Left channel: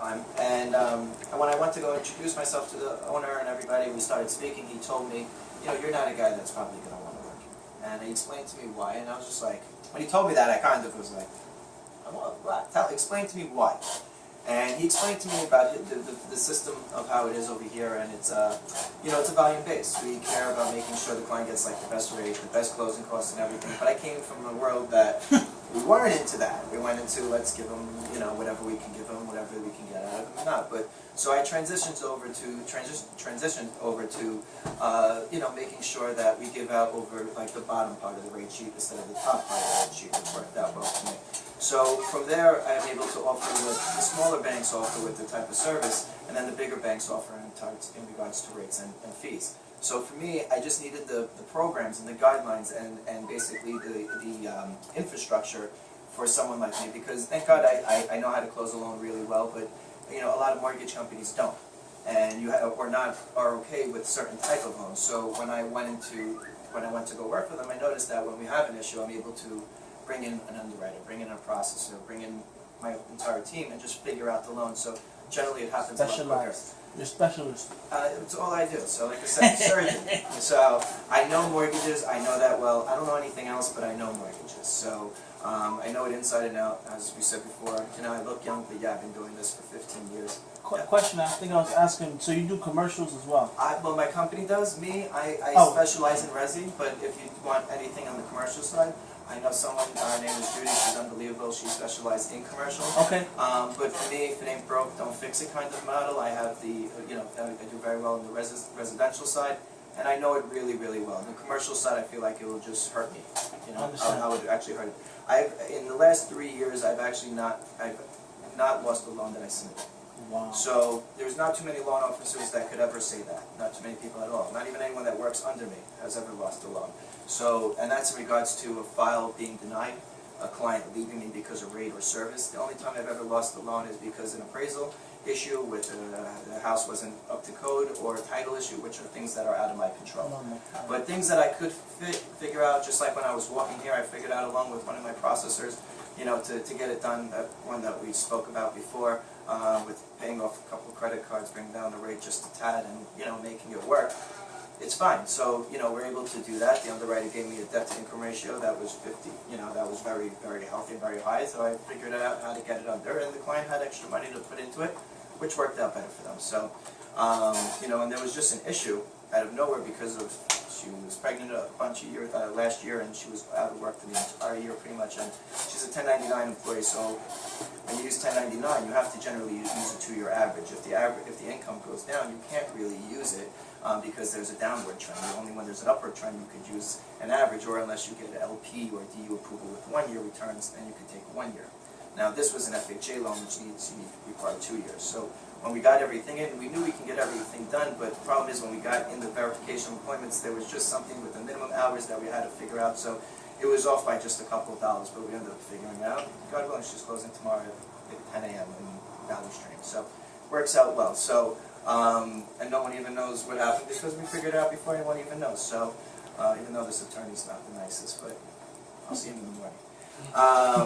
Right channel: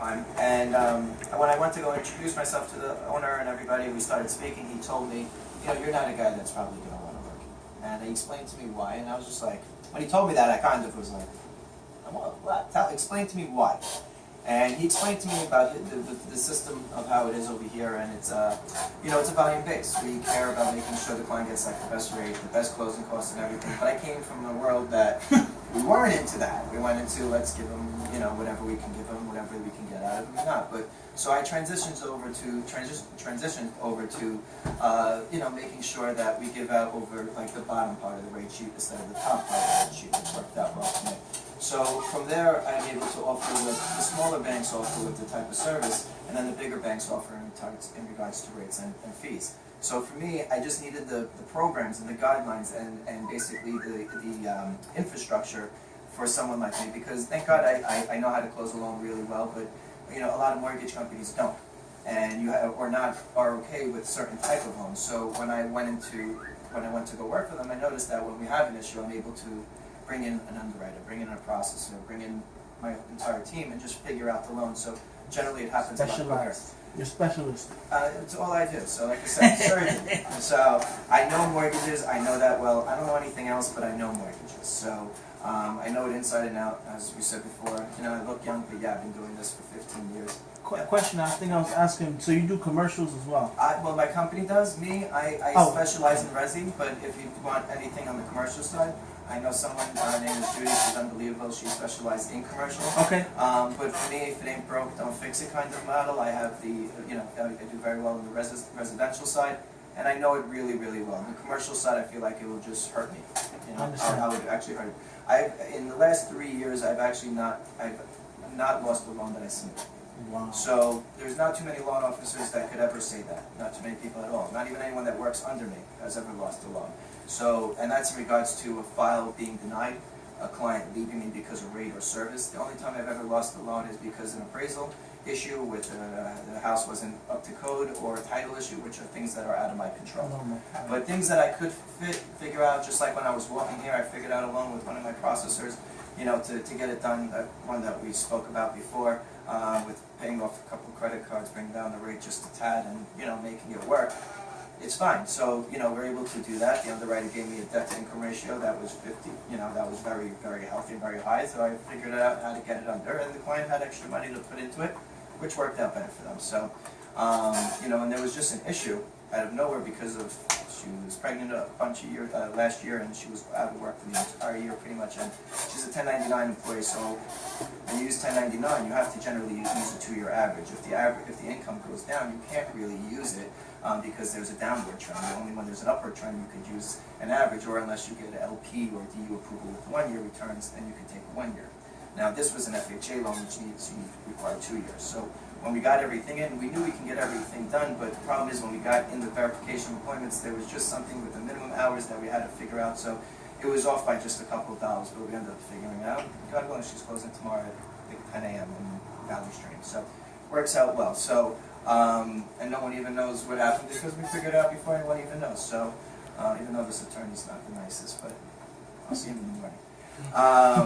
And when I went to go introduce myself to the owner and everybody, we started speaking, he told me, you know, you're not a guy that's probably going to want to work. And he explained to me why, and I was just like, when he told me that, I kind of was like, what? Explain to me why. And he explained to me about the system of how it is over here, and it's you know, it's a volume base. We care about making sure the client gets like the best rate, the best closing costs, and everything. But I came from a world that we weren't into that. We went into let's give them, you know, whatever we can give them, whatever we can get out of them, not. But so I transitioned over to you know, making sure that we give out over like the bottom part of the rate sheet instead of the top part of the rate sheet, which worked out well for me. So from there, I'm able to offer what the smaller banks offer with the type of service, and then the bigger banks offer in regards to rates and fees. So for me, I just needed the programs and the guidelines and basically the infrastructure for someone like me, because thank God I know how to close a loan really well, but you know, a lot of mortgage companies don't, and you have, or not are okay with certain type of loans. So when I went to go work for them, I noticed that when we have an issue, I'm able to bring in an underwriter, bring in a processor, bring in my entire team, and just figure out the loan. So generally it happens a lot quicker. You're a specialist. It's all I do. So like I said, surgeon. So I know mortgages, I know that well. I don't know anything else, but I know mortgages. So I know it inside and out, as we said before. You know, I look young, but yeah, I've been doing this for 15 years. Question, I think I was asking, so you do commercials as well? Well, my company does. I specialize in resi, but if you want anything on the commercial side, I know someone, her name is Judy, she's unbelievable, she specializes in commercial. Okay. But for me, if it ain't broke, don't fix it kind of model. I have the, you know, I do very well on the residential side, and I know it really, really well. On the commercial side, I feel like it will just hurt me. You know, how it actually hurt. In the last 3 years, I've not lost a loan that I submitted. Wow. So there's not too many loan officers that could ever say that. Not too many people at all. Not even anyone that works under me has ever lost a loan. So, and that's in regards to a file being denied, a client leaving me because of rate or service. The only time I've ever lost a loan is because an appraisal issue with the house wasn't up to code, or a title issue, which are things that are out of my control. But things that I could figure out, just like when I was walking here, I figured out along with one of my processors, you know, to get it done, that one that we spoke about before, with paying off a couple of credit cards, bringing down the rate just a tad, and, you know, making it work. It's fine. So, you know, we're able to do that. The underwriter gave me a debt-to-income ratio that was 50, you know, that was very, very healthy and very high, so I figured out how to get it under, and the client had extra money to put into it, which worked out better for them. So, you know, and there was just an issue out of nowhere because of, she was pregnant a bunch of years, last year, and she was out of work for the entire year pretty much, and she's a 1099 employee, so when you use 1099, you have to generally use a 2-year average. If the income goes down, you can't really use it because there's a downward trend. Only when there's an upward trend you could use an average, or unless you get an LP or DU approval with 1-year returns, then you could take 1 year. Now this was an FHA loan, which required 2 years. So when we got everything in, we knew we can get everything done, but the problem is when we got in the verification of appointments, there was just something with the minimum hours that we had to figure out. So it was off by just a couple of dollars, but we ended up figuring it out. God willing, she's closing tomorrow at 10 a.m. in Valley Stream. So works out well. So and no one even knows what happened because we figured it out before anyone even knows. So even though this attorney's not the nicest, but I'll see him in the morning.